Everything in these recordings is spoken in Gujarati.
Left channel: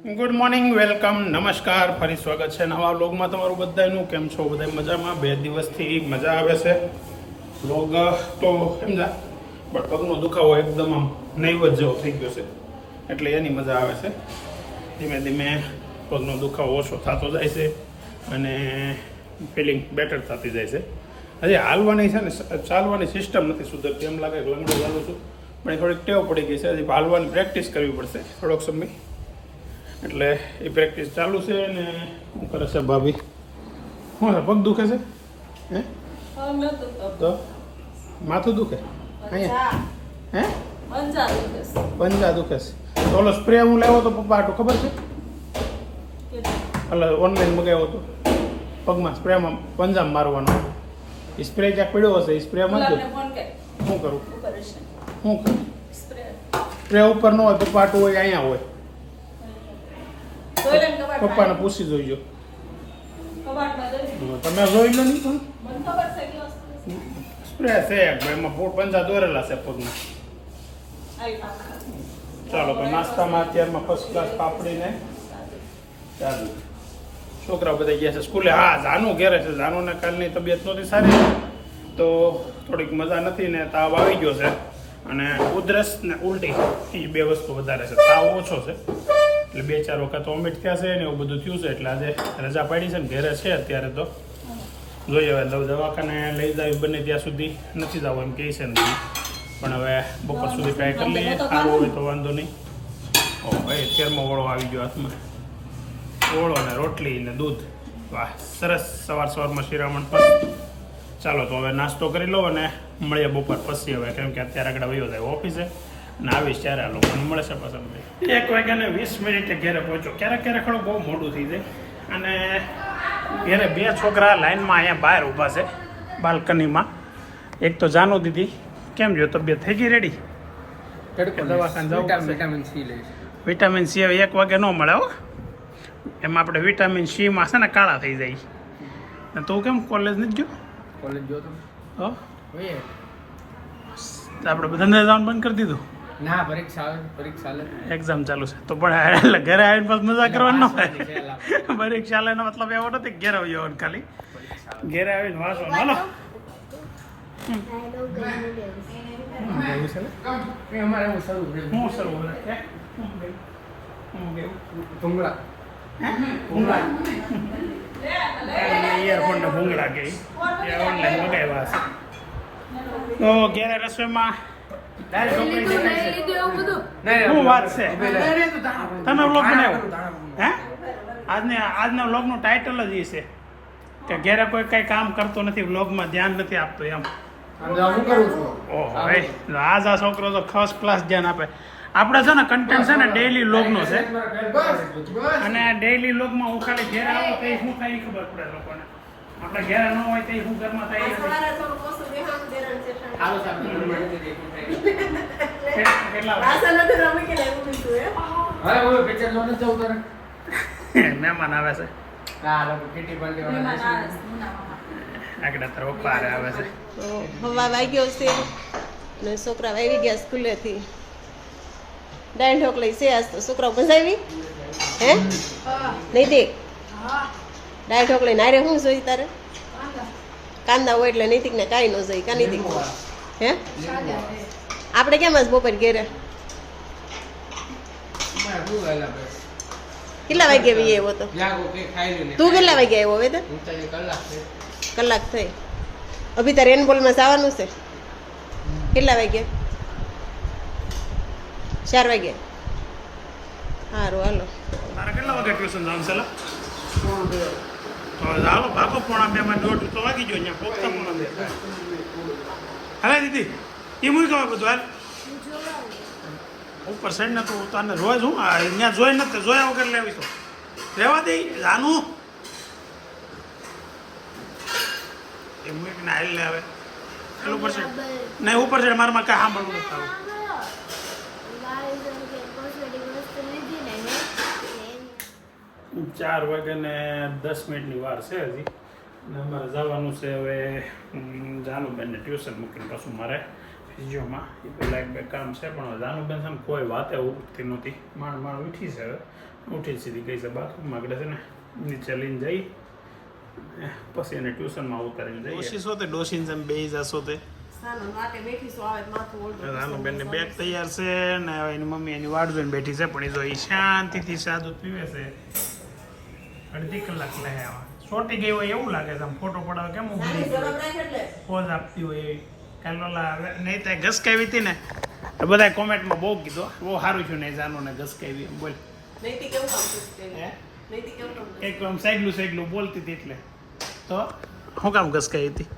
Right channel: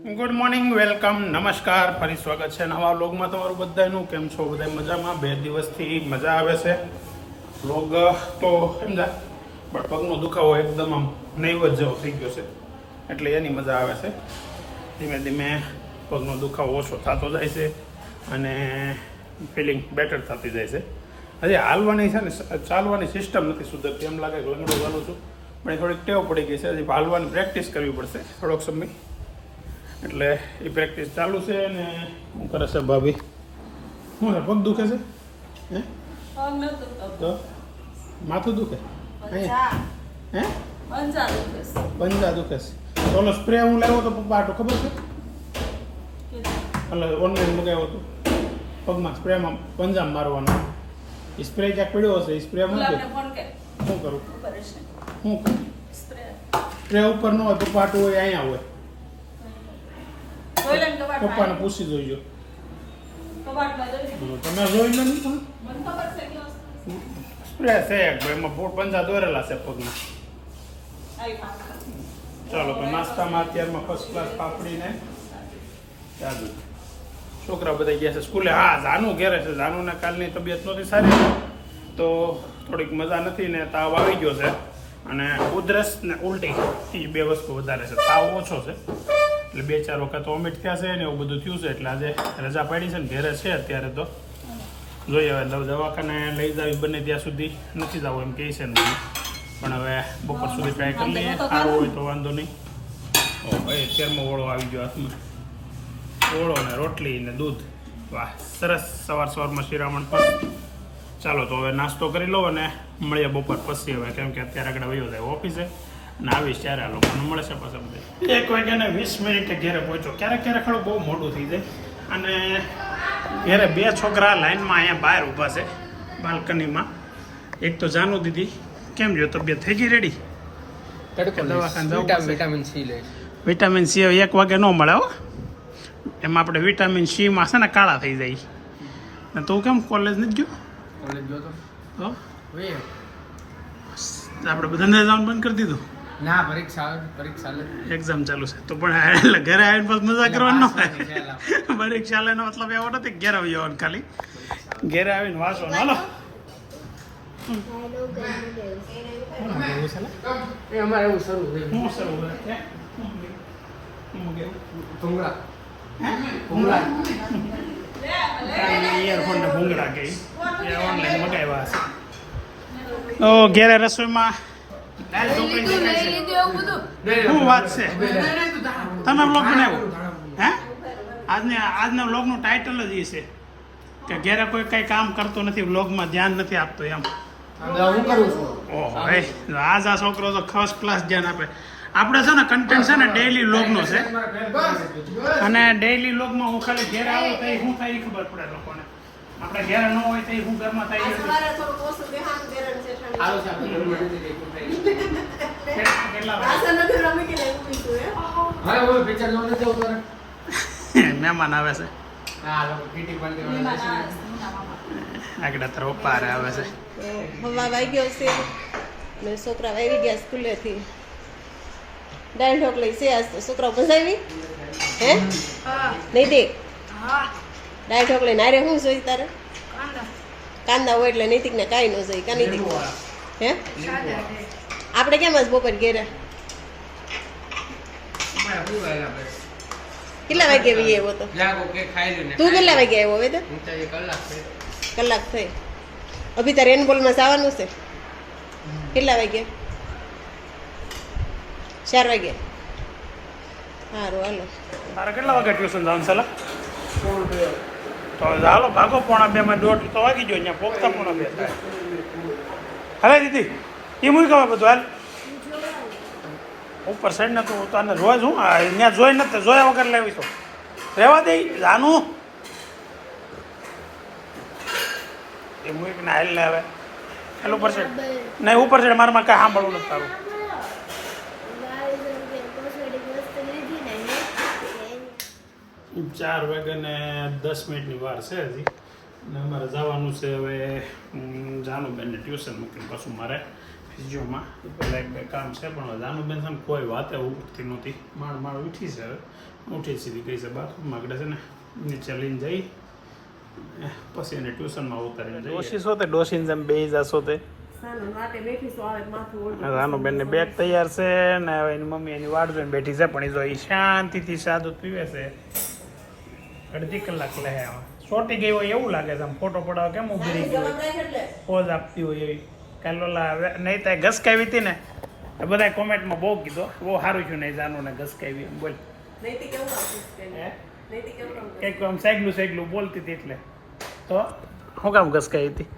ગુડ મોર્નિંગ, વેલકમ, નમસ્કાર, ફરી સ્વાગત છે નવા વ્લોગમાં તમારું બધાનું. કેમ છો બધા? મજામાં? 2 દિવસથી મજા આવે છે. વ્લોગ તો સમજા, બટ પગનો દુખાવો એકદમ આમ નૈવત જેવો થઈ ગયો છે, એટલે એની મજા આવે છે. ધીમે ધીમે પગનો દુખાવો ઓછો થતો જાય છે અને ફિલિંગ બેટર થતી જાય છે. હજી હાલવાની છે ને, ચાલવાની સિસ્ટમ નથી સુધરતી. એમ લાગે કે લંગડો ચાલું છું, પણ એ થોડીક ટેવ પડી ગઈ છે. હજી હાલવાની પ્રેક્ટિસ કરવી પડશે થોડોક સમય, એટલે એ પ્રેક્ટિસ ચાલુ છે. ને શું કરે છે ભાભી? શું છે? પગ દુખે છે? હે? તો માથું દુખે? અહીંયા હે? પંજા દુખે છે. તો ઓલો સ્પ્રે હું લાવ્યો તો પપ્પા આટલું ખબર છે? એટલે ઓનલાઈન મગાવ્યો હતો. પગમાં સ્પ્રેમાં પંજામાં મારવાનો એ સ્પ્રે ક્યાંક પડ્યો હશે. એ સ્પ્રે માં શું કરું? શું કરું? સ્પ્રે ઉપર ન હોય, પપ્પા આટલું હોય, અહીંયા હોય. પપ્પાને પૂછી જોઈજો. તમે જોઈ લો ને. સ્પ્રે છે એમાં પંજા દોરેલા છે પગના. ચાલો તો નાસ્તામાં અત્યારમાં ફર્સ્ટ ક્લાસ પાપડીને ચાલુ. છોકરા બધા ગયા છે સ્કૂલે. હા, જાનુ ઘેરે છે. જાનુને કાલની તબિયત નહોતી સારી, તો થોડીક મજા નથી ને તાવ આવી ગયો છે. અને ઉધરસ ને ઉલટી એ 2 વસ્તુ વધારે છે. તાવ ઓછો છે એટલે 2-4 વખત વોમિટ થયા છે ને એવું બધું થયું છે. એટલે આજે રજા પાડી છે ને ઘેરે છે અત્યારે. તો જોઈએ હવે દવાખાને લઈ જાવી બને ત્યાં સુધી. નથી જવું એમ કહે છે ને, પણ હવે બપોર સુધી ટ્રાય કરી લઈએ. સારું હોય તો વાંધો નહીં. ઓ ભાઈ, 13મો ઓળો આવી ગયો હાથમાં. ઓળો ને રોટલી ને દૂધ, વાહ સરસ. સવારમાં શિરામણ પર. ચાલો તો હવે નાસ્તો કરી લો અને મળીએ બપોર પછી. હવે કેમ કે અત્યારે આગળ વયો જાય ઓફિસે અને આવીશ ત્યારે આ લોકોને મળે છે પાછા બધા. 1:20 ઘેરે પહોંચ્યો. ક્યારેક થોડું બહુ મોડું થઈ જાય. અને ઘેરે 2 છોકરા લાઈનમાં અહીંયા બહાર ઊભા છે બાલ્કનીમાં. એક તો જાનુ દીદી, કેમ જો તબિયત થઈ ગઈ રેડી? દવાખાને જવું પડશે. વિટામિન સી હવે 1 વાગે ન મળે હો. એમાં આપણે વિટામિન સીમાં છે ને કાળા થઈ જાય. ને તું કેમ કોલેજ નથી ગયો? કોલેજ ગયો તો આપણે ધંધા જવાનું બંધ કરી દીધું. ના, પરીક્ષા એક્ઝામ ચાલુ છે તો પણ એટલે ઘરે આવીને પછી મજા કરવાની ન હોય. પરીક્ષા લેવાનો મતલબ એવો નથી ઘેર આવી જવાનું, ખાલી ઘેરે આવીને વાંચવાનું. હાલો ઇયરફોન ને ભૂંગળા ગઈ ઓનલાઈન મગાવ્યા હશે. તો ઘેરે રસોઈમાં દાળ ઢોકળી દેખાય છે. શું વાત છે? તમે વ્લોગ બનાવ્યો હે? આજના વ્લોગનું ટાઇટલ જ એ છે કે ઘેરે કોઈ કઈ કામ કરતો નથી, વ્લોગમાં ધ્યાન નથી આપતો એમ. ઓહો ભાઈ, આજ આ છોકરો તો ફર્સ્ટ ક્લાસ ધ્યાન આપે. આપણે છે ને કન્ટેન્ટ છે ને ડેઈલી વ્લોગનો છે, અને ડેઈલી વ્લોગમાં હું ખાલી ઘેરે આવું તો શું થાય એ ખબર પડે લોકોને. આપણે ઘેરે ન હોય તો શું ઘરમાં થાય મહેમાન આવે છે. આગળ તાર પપ્પા આવે છે. હવા વાગ્યો છે ને છોકરા આવી ગયા સ્કૂલેથી. દાળ ઢોકળી છે આજ તો. છોકરાઓ મજા આવી હે? નહીં દે દાળ ઢોકળી નારે શું જોઈ તારે? કાંદા હોય એટલે નૈતિક ને કાંઈ ન જોઈ. કા નૈતિક હે? આપણે કેમ જ બપોર ઘેરે કેટલા વાગે આવી આવ્યો તો? તું કેટલા વાગે આવ્યો હવે? તો કલાક થઈ. અભી તારે રેનબોલમાં જવાનું છે. કેટલા વાગે? 4 વાગે. સારું હાલો. તારે કેટલા વાગે ટ્યુશન જવાનું છે? ચાલો ભાગો. 1:45 માં 1:30 તો વાગી ગયો. અહીંયા પોગતા 1:45 થાય. હવે દીદી એ મૂકી ગયો બધું. હાલ ઉપર સાઈડ ને તું તને રોજ હું ત્યાં જોઈ નથી, જોયા વગર લેવી તો રહેવા દે. જાનું એ મૂકીને હાલ ને હવે હાલ ઉપર સાઈડ નહીં. ઉપર સાઈડ મારામાં કાંઈ સાંભળવું નથી તારું. 4:10 વાર છે હજી. અને અમારે જવાનું છે હવે જાનુબેનને ટ્યુશન મૂકીને પાછું મારે ફિઝિયોમાં. એ પહેલાં 1-2 કામ છે, પણ જાનુબેન છે ને કોઈ વાતે ઉઠતી નહોતી. માણ ઉઠી છે હવે. ઉઠી સીધી ગઈ છે બહાર માગડે છે ને નીચે લઈને જઈ પછી એને ટ્યુશનમાં ઉતારીને ડોસી શો તે ડોસીને જેમ બે જશો તે રાનું બેનની બેગ તૈયાર છે ને હવે એની મમ્મી એની વાટ જોઈને બેઠી છે પણ એ જો એ શાંતિથી સાદું પીવે છે અડધી કલાક લે સોટી ગઈ હોય એવું લાગે છે આમ ફોટો પડાવ કેમ ઉભરી પોઝ આપતી હોય એવી કાલે ઓલા નહીં ત્યાં ઘસકાવી હતી ને તો બધા કોમેન્ટમાં બહુ કીધું બહુ સારું છું નહીં જાનું ને ઘસકાવી એમ બોલ કંઈક આમ સાયકલું બોલતી હતી એટલે તો શું કામ ઘસકાવી હતી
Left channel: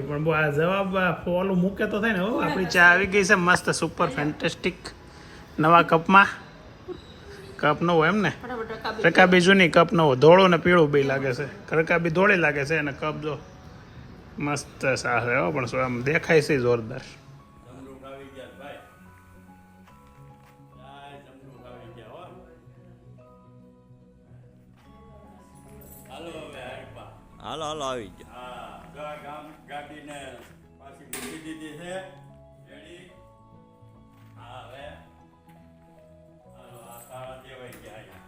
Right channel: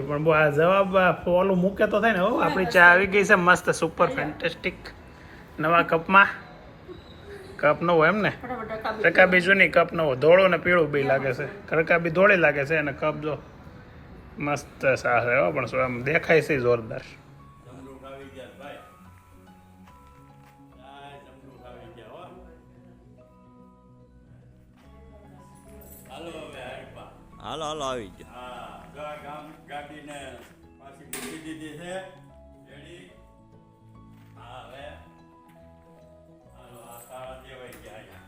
પણ બહુ આ જવાબ ઓલું મૂકે તો થાય ને હો આપણી ચા આવી ગઈ છે મસ્ત સુપર ફેન્ટેસ્ટિક નવા કપમાં કપ ન હોય એમ ને રકાબી જૂની કપ ન હોય ધોળું ને પીળું બી લાગે છે રકાબી ધોળી લાગે છે અને કપ જો મસ્ત સા છે હો પણ આમ દેખાય છે જોરદાર હાલો હાલો આવી ગયો ગાડીને પાછી મૂકી દીધી છે રેડી હા હવે હાલો આ તાળા દેવાઈ ગયા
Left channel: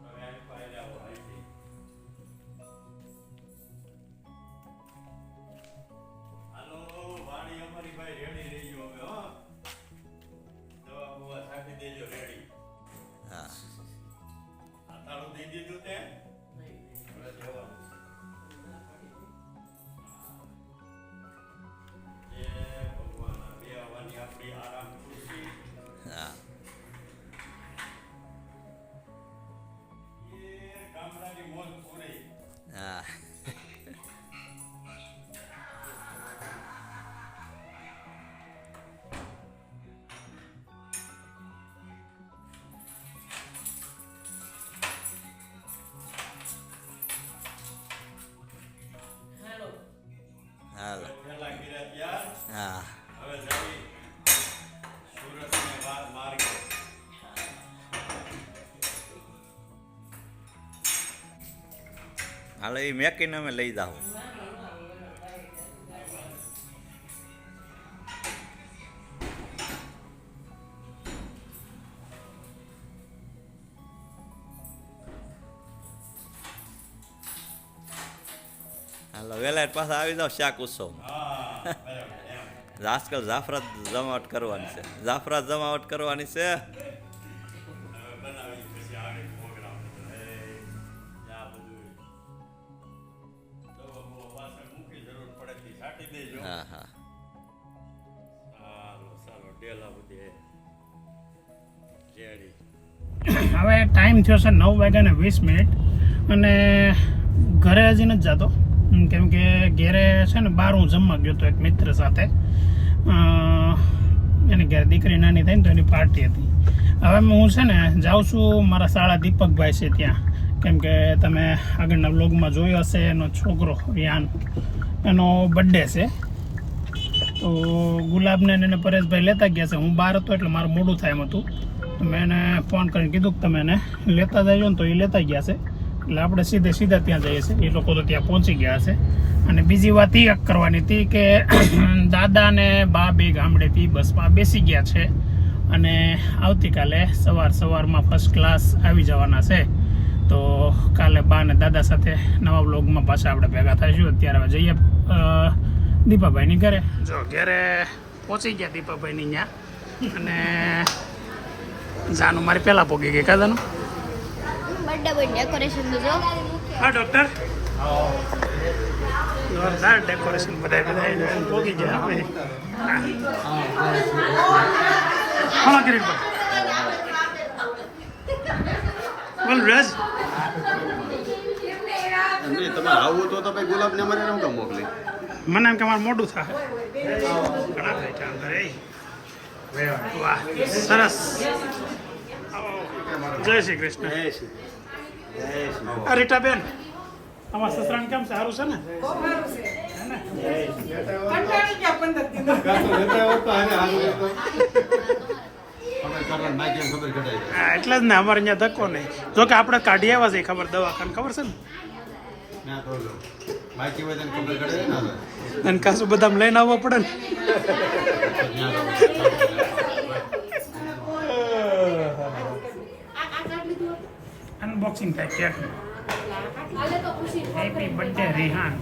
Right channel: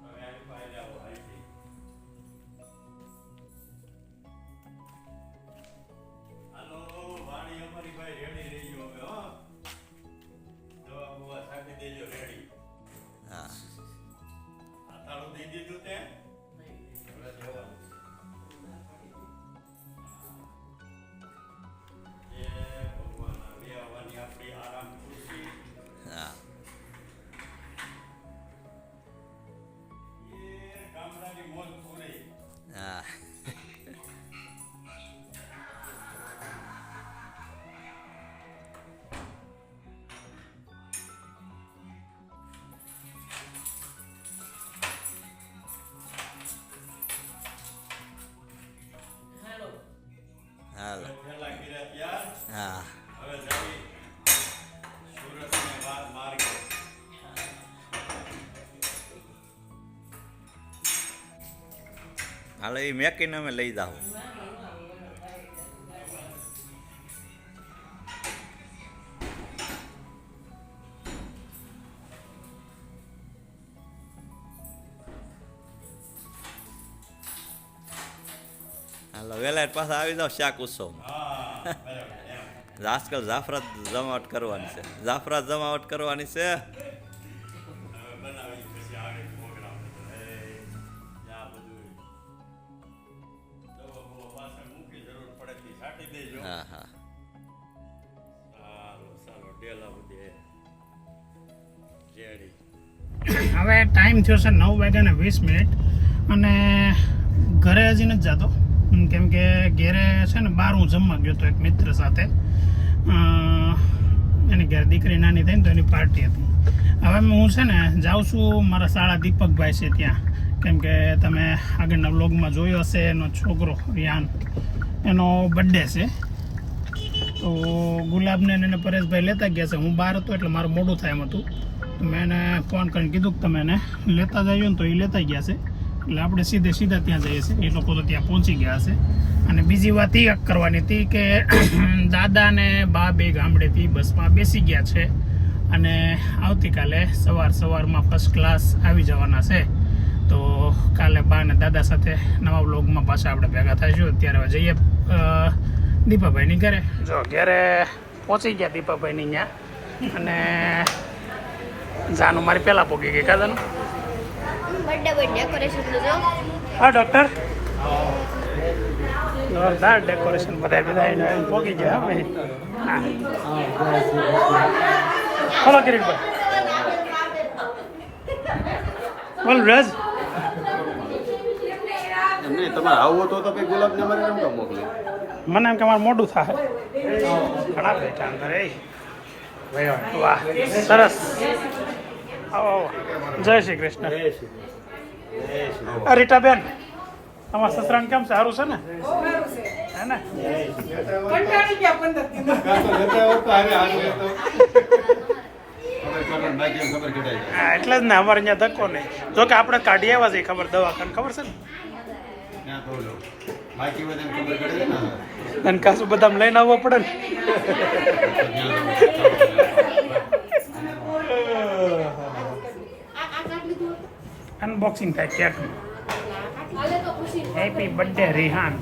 હવે આ ફાઇલ આવો અહીંથી હાલો વાણી અમારી ભાઈ રેડી રહી ગયો હવે હો દવા બુવા છાંટી દેજો રેડી હા તાળું દઈ દીધું તે હવે જવાનું એ ભગવાન બે આવવાની આપણી આરામ ખુશી હા એ ગામડાની મોજ પૂરી હા હાલો પેલા કર્યા ત્યાર હા હવે જઈ સુરતને માર્ગે હાલો એ મેકીને અમે લઈ જાઓ હાલો વેલા પાછા આવી જાઓ શાક ઉત્સવમાં હા બરાબર એમ આજકાલ જાફરાત જમાવટ કરવાની છે જાફરાત જમાવટ કરવાની છે હવે બનાવી પછી આગળ પ્રોગ્રામ આ બધું દવા બવા પાછળ મૂકી જરૂર પડે તો છાંટી દેજો હા હા ચાલો ડેલા બધી રેડી હવે ટાઈમ થયો છે 9:20 અને ઘરે હજી નથી જતો કેમ કે ઘેરે છે ને બહાર હું જમવા ગયો હતો એક મિત્ર સાથે એની ઘરે દીકરી નાની થઈ ને તો એની પાર્ટી હતી હવે હું છે ને જાઉં છું મારા શાળા દીપકભાઈ છે ત્યાં કેમ કે તમે આગળના વ્લોગમાં જોયો હશે એનો છોકરો રિયાન એનો બર્થડે છે તો ગુલાબને એને પરેશભાઈ લેતા ગયા છે હું બહાર હતો એટલે મારું મોડું થાય એમ હતું તો મેં એને ફોન કરીને કીધું કે તમે એને લેતા જજો ને તો એ લેતા ગયા છે એટલે આપણે સીધા ત્યાં જઈએ છીએ એ લોકો તો ત્યાં પહોંચી ગયા હશે અને બીજી વાત એ કરવાની હતી કે દાદા ને બા બે ગામડેથી બસમાં બેસી ગયા છે અને આવતીકાલે સવારમાં ફર્સ્ટ ક્લાસ આવી જવાના છે તો કાલે બા અને દાદા સાથે નવા વ્લોગમાં પાછા આપણે ભેગા થઈશું અત્યારે હવે જઈએ દીપાભાઈની ઘરે જો ઘરે પહોંચી ગયા દીપાભાઈની ત્યાં અને જાનું મારી પહેલાં પહોંચી ગઈ કાદાનું હા ડૉક્ટર જોરદાર ડેકોરેશન બધા પહોંચી ગયા ભાઈ હલો કિરીટભાઈ બોલ રજ તમારે આવું તો પછી ગુલાબ ને અમારે નહોતો મોકલી મને એમ કે મારું મોઢું થાય ઘણા બેઠા અંદર એ વાહ સરસ આવો જય શ્રી કૃષ્ણ રીટાબેન તમારા સસરાને કેમ છે સારું છે ને હે ને હા એટલે જ ને અમારે અહીંયા ધક્કો નહીં જો કે આપણે કાઢી આવ્યા છીએ ખબર દવાખાને ખબર છે ને ના કહું છું. માહિતી હોય તને ખબર પડે ને. અને કાસુ બદામ લઈને આવવા પડે ને. અનબોક્સિંગ થાય કેક. Happy birthday Rehan.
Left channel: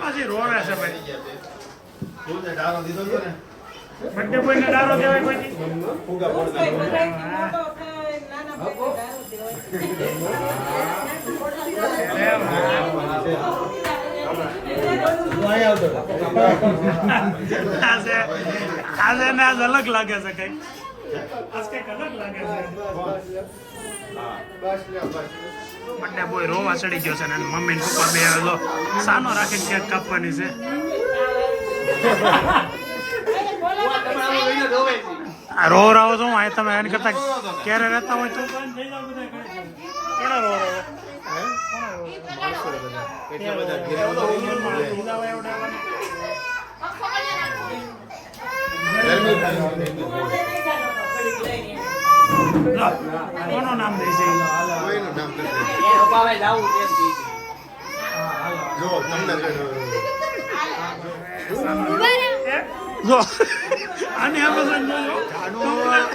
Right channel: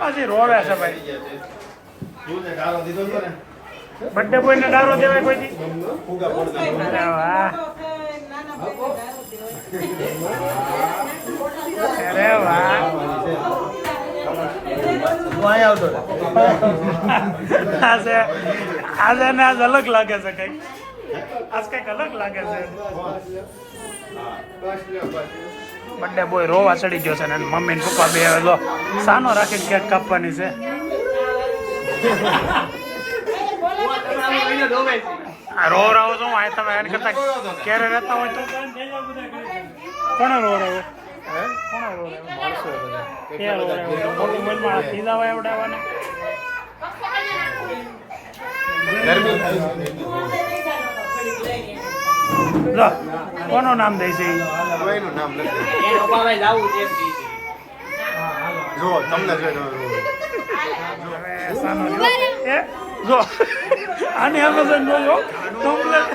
પછી રોવે છે ભાઈ. તું ને ડાળો દીધો હતો ને? બર્થડે બોય ને ડારો દેવાય કોઈ ફુગા પડતા. અરે વાહ. હું અહીંયા આવતો હતો. આજે આજે ને આજ અલગ લાગે છે કઈક. આજ કઈક અલગ લાગે છે. બર્થડે બોય રોવા ચડી ગયો છે ને એની મમ્મી ને પપ્પા બે લો સાનો રાખીને કેક કાપવાની છે. આ રો રાવો તો હું તમે એની કરતા ક્યારે રહેતા હોય તો કોણ રોવે? માણસો બધા કેટલા બધા ઘેર ઉભા રહી ગયા. ઢીલા એવડાવવાના. લો, કોનું નામ દે છે? કોઈનું નામ નથી. જો તમને જો આને એમેઝોન જોજો કમ્પ્લેટ.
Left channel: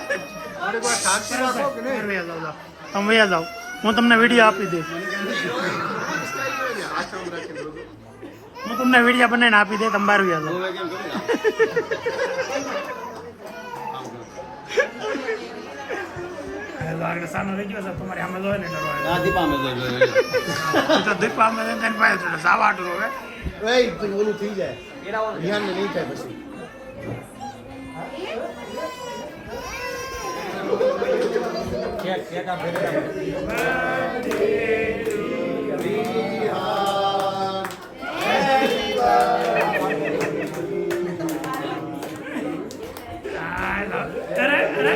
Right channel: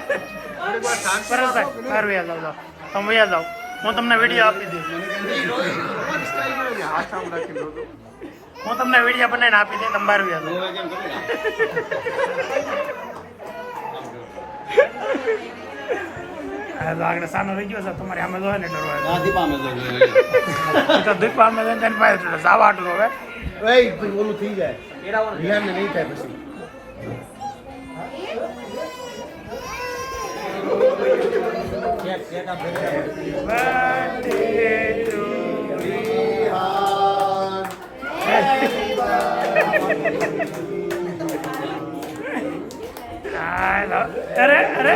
પરસભાઈ ઘર વ્યા જાવ તમે વ્યા જાવ. હું તમને વિડીયો આપી દઈશ. હું તમને વિડીયો બનાવીને આપી દઈશ. તમે બહાર વ્યા જાવ. હવે કેમ કરી આગળ સાનો રહી ગયો છે તમારે આમાં જોવે ને આ દીપા મેં તો દીપા અમે તેને પાસે સાવા આટલું હવે ઓલું થઈ જાય યાર નહીં થાય પછી. અરે અરે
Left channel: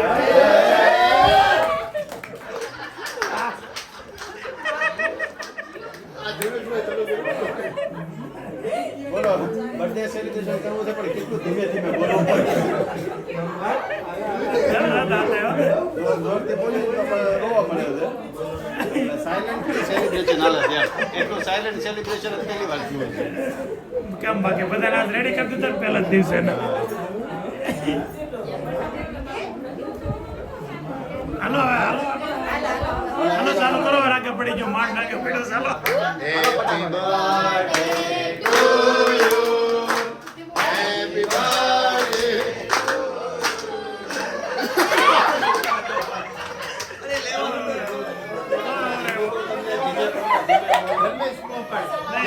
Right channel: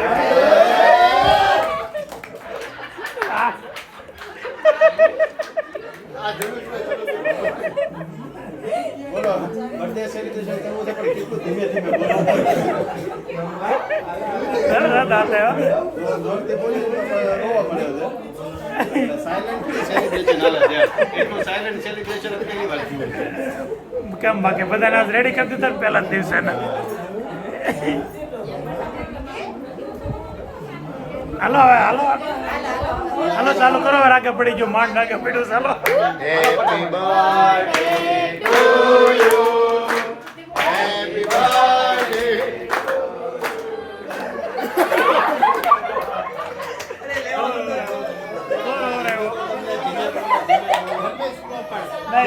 બોલો બર્થડે સેલિબ્રેશન કરવું છે પણ કેટલું ધીમે ધીમે બોલો. જોરથી બોલી તો રોવા પડે છે. સાયલેન્ટ સેલિબ્રેશન હાલે છે. એટલું સાયલેન્ટ સેલિબ્રેશન પહેલી વાર થયું છે. કેમ બાકી બધાને રેડી કરી દીધા પહેલા જ દિવસે ને. હાલો હવે હાલો હાલો ચાલુ કરો. રાગે પડી ગયો માંડ રાગે પડ્યો. ચાલો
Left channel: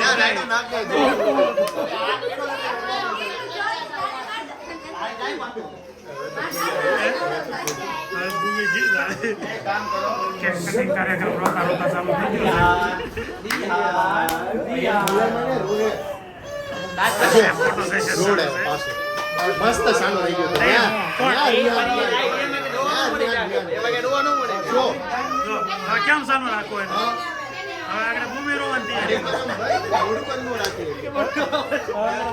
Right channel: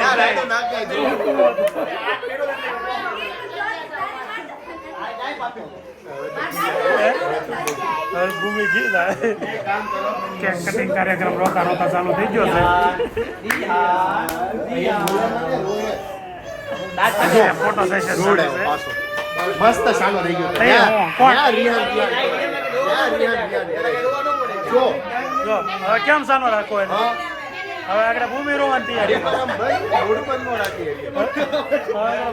Happy birthday to ભૂમિ ગીત કેક કટિંગ કાર્યક્રમ રોતા રોતા ચાલુ થઈ ગયો છે. ફોટો સેશન ચાલુ છે. મસ્ત સાનો થઈ ગયો. જો હવે કેમ સાનો રાખો એને? હવે આગળ ભૂમિ રોવાની તૈયારી.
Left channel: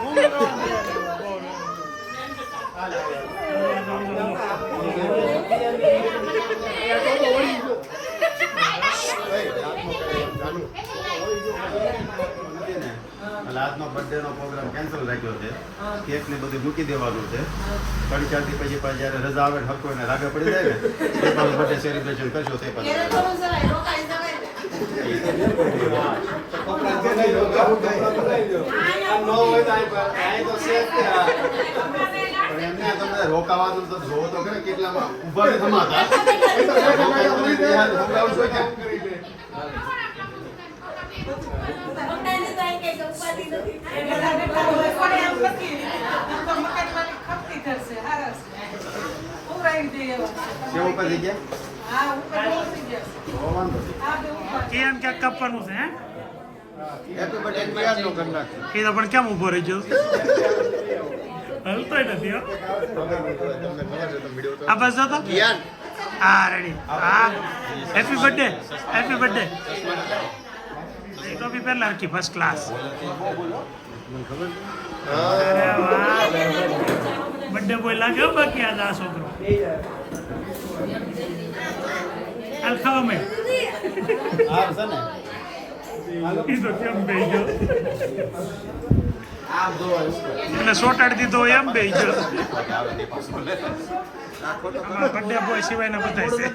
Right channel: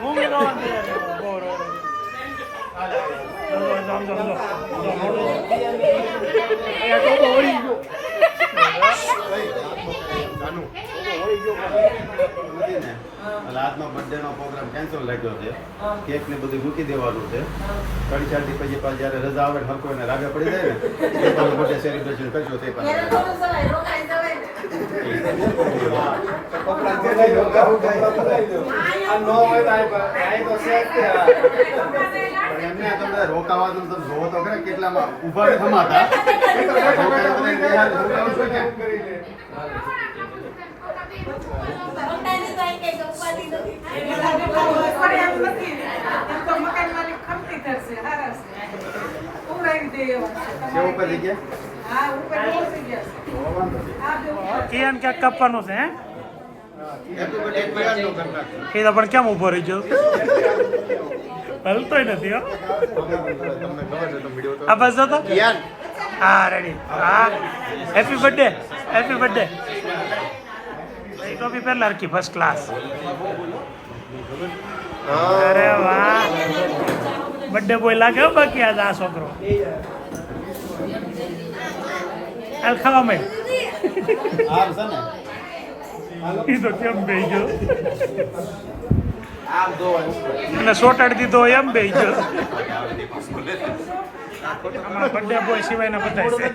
ભૂમિ રોવાની આજનો બર્થડે નો પ્રોગ્રામ કેન્સલ રાખ્યો છે. કેક ને બધું મૂકી દેવાનું છે. 3-4 દી પછી પાછી જયારે રજા આવે ને હરકો એને રાગે પડી જાય ને એ પછી બર્થડે સેલિબ્રેશન કરશો તે પછી એમને તમને રોકાવા દો તો જોવો તો ખરા કેટલામાં ઉભા ને થમાતા કિયાન ક્યાંક કાપવાનું છે. હે એ તો પણ કેમ ઉભો રહી ગયો? હલતોય નથી. આ બસ હતો. હા રેડી. હા હેપી બર્થડે. Happy birthday. એ તો બી પહેલા રખી ફર્સ્ટ ક્લાસ. અરે વાહ બર્થડે બોય લાગે બાકી આ છોકરો. હાલ ખાવા મેં આ છે ને ઈ તો કેમ બેહી ગયો આમ દોવાય ઉપર એટલે સોટાડી દીધો એમ બેહી ગયો આમાં બર્થડે બોય સિવાયના બધા છે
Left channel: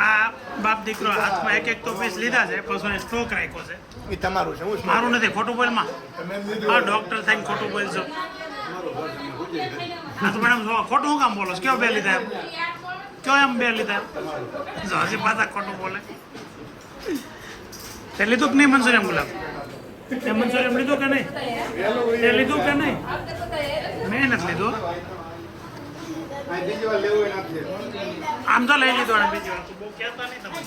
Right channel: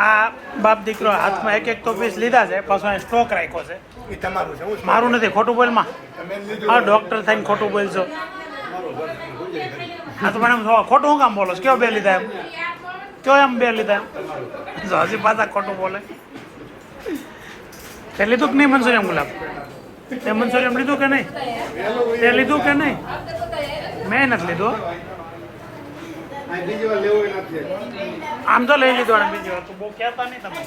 આ બાપ દીકરો હાથમાં એક તો પીસ લીધા છે પાછો સ્ટોક રાખ્યો છે એ તમારું છે હું મારું નથી ખોટું બોલમાં હા ડોક્ટર થઈને ખોટું બોલશો હા તો મને એમ ખોટું હું કામ બોલો છો? કયો બે લીધા એમ કયો એમ બે લીધા એમ જો હજી પાછા ખોટું બોલે તે લીધું કે નહીં મનસુરિયમ ગુલાબ તે મનસુરિયમ લીધું કે નહીં તે લીધું કે નહીં મેં નથી લીધું બીજી વાર લેવું નથી આમ તો લઈ લીધો અને બીજી વાર તો બહુ કહેતા નહીં તમે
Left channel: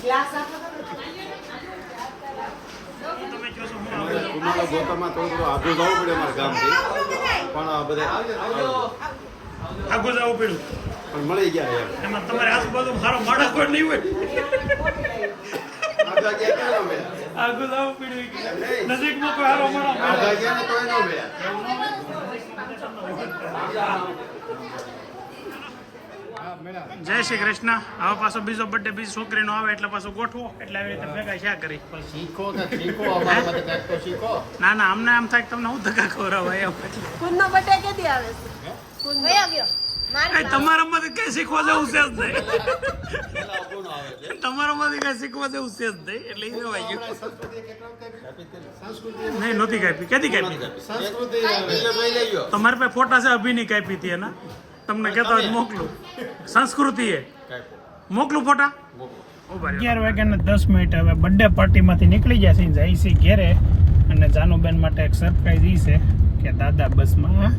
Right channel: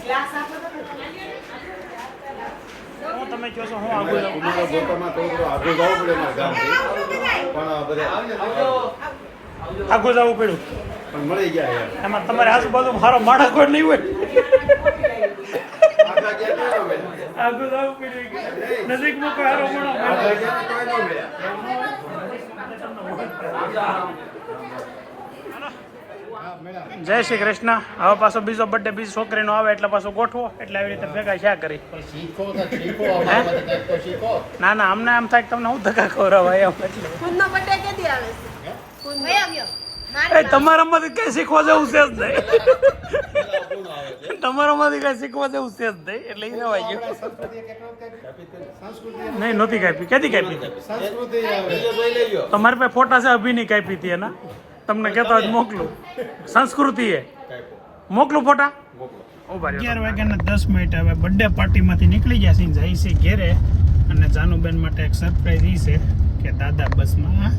હું તમે કહો છો હું આગળ જાઉં તમારા ગોતરમાં થોડું આગળ જવું પડે અમારા ગામથી પણ બધે આગળ જવું પડ્યું પણ મળી ગયા યાર એમાં તમારે આજુબાજુ મારો માળા કોઈ નહીં હોય આગળ જવું પડ્યું નજીકમાં કોઈ હારો માળો જય શ્રી કૃષ્ણ હવે પાછો બીજો બર્થડે બીજી છોકરીનો આવે એટલે પાછો ગોઠવો એટલે આવી રીતે ભેગા ક્યાં કરી શીખો તો શીખો અમારા માટે કંઈક તો શીખો ના ના અમને એમ થાય કે તમને હું ધક્કા ખવડાવાય એમ એટલે કુંદનો બર્થડે કેદી આવે છે એ તમારામાંથી કઈ શીખવા જેવું છે જ નહીં તમારામાંથી કઈ શીખવા જેવું છે જ નહીં એટલે એ જવાય ગયું નહીં નહોતી કાપી કેદી કાપી તમારી પાસે ફોટા છે અભિની કાપી હતી એના તમને કહેતા હોય તો મોકલું સંસ્કૃતિ એ મોકલું ફોટા 11 વાગ્યાને 10 મિનિટ હવે બર્થડે પાર્ટીમાંથી નીકળી ગયા છે જાય છે ઘેરે અને જાનુબેન માટે એક સરપ્રાઈઝ એ છે કે દાદા બસમાં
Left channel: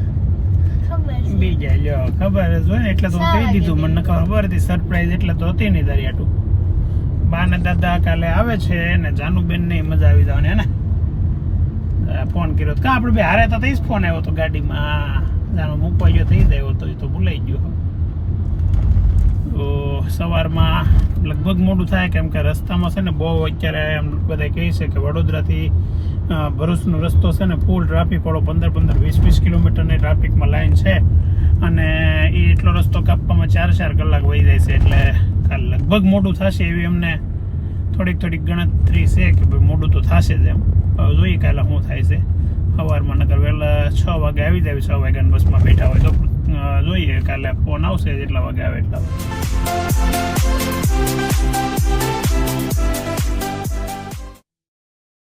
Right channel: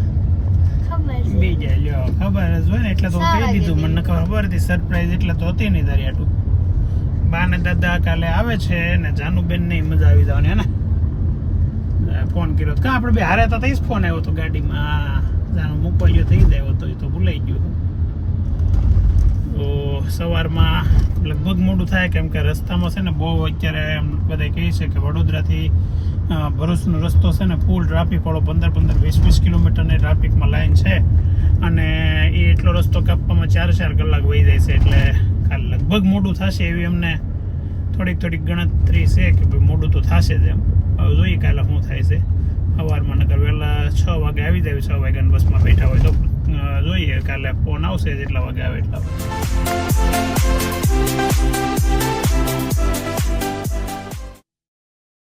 બી જાય લ્યો ખબર જ હોય ને એટલે તો હું કહી દીધું મને ખબર હતી સરપ્રાઈઝ એટલે તો હતી નહીં તારી આટું બા ને દાદા કાલે આવે છે ને જાનુબેન ને મજા આવી જવાની હે ને ફોન કર્યો કા આપણે બે હારે તો થઈ જ ફોન આવ્યો તો ગાડીમાં જાનો મૂકવા ગયો થઈ જાય તો એ તો ભૂલાઈ ગયો તો સવારમાં લગભગ મોડું થાય કેમ કે રસ્તામાં છે ને બહુ અત્યારે એમ બધા કહે છે કે વડોદરાથી ભરૂચનો રસ્તો છે ને ફૂલ ટ્રાફિક વાળો 15-20 કિલોમીટરની ટ્રાફિકમાં લાઈન છે અને એ એટલો રસ્તો કાપવામાં 4 કલાક વહી જાય છે એટલે કાલે લગભગ મોડું થશે એવી અમને થોડીક ગણતરી છે કે ભાઈ મોડું તો થશે જ એમ હવે જોઈએ કાલે શું થાય છે સવારમાં નગર વહેલા 6 વાગે આવી જાય 6 વાગ્યાની બસમાં બેઠા હોય તો જોઈએ કાલે ફોન આવશે જેટલા વાગે આવે એટલા વાગે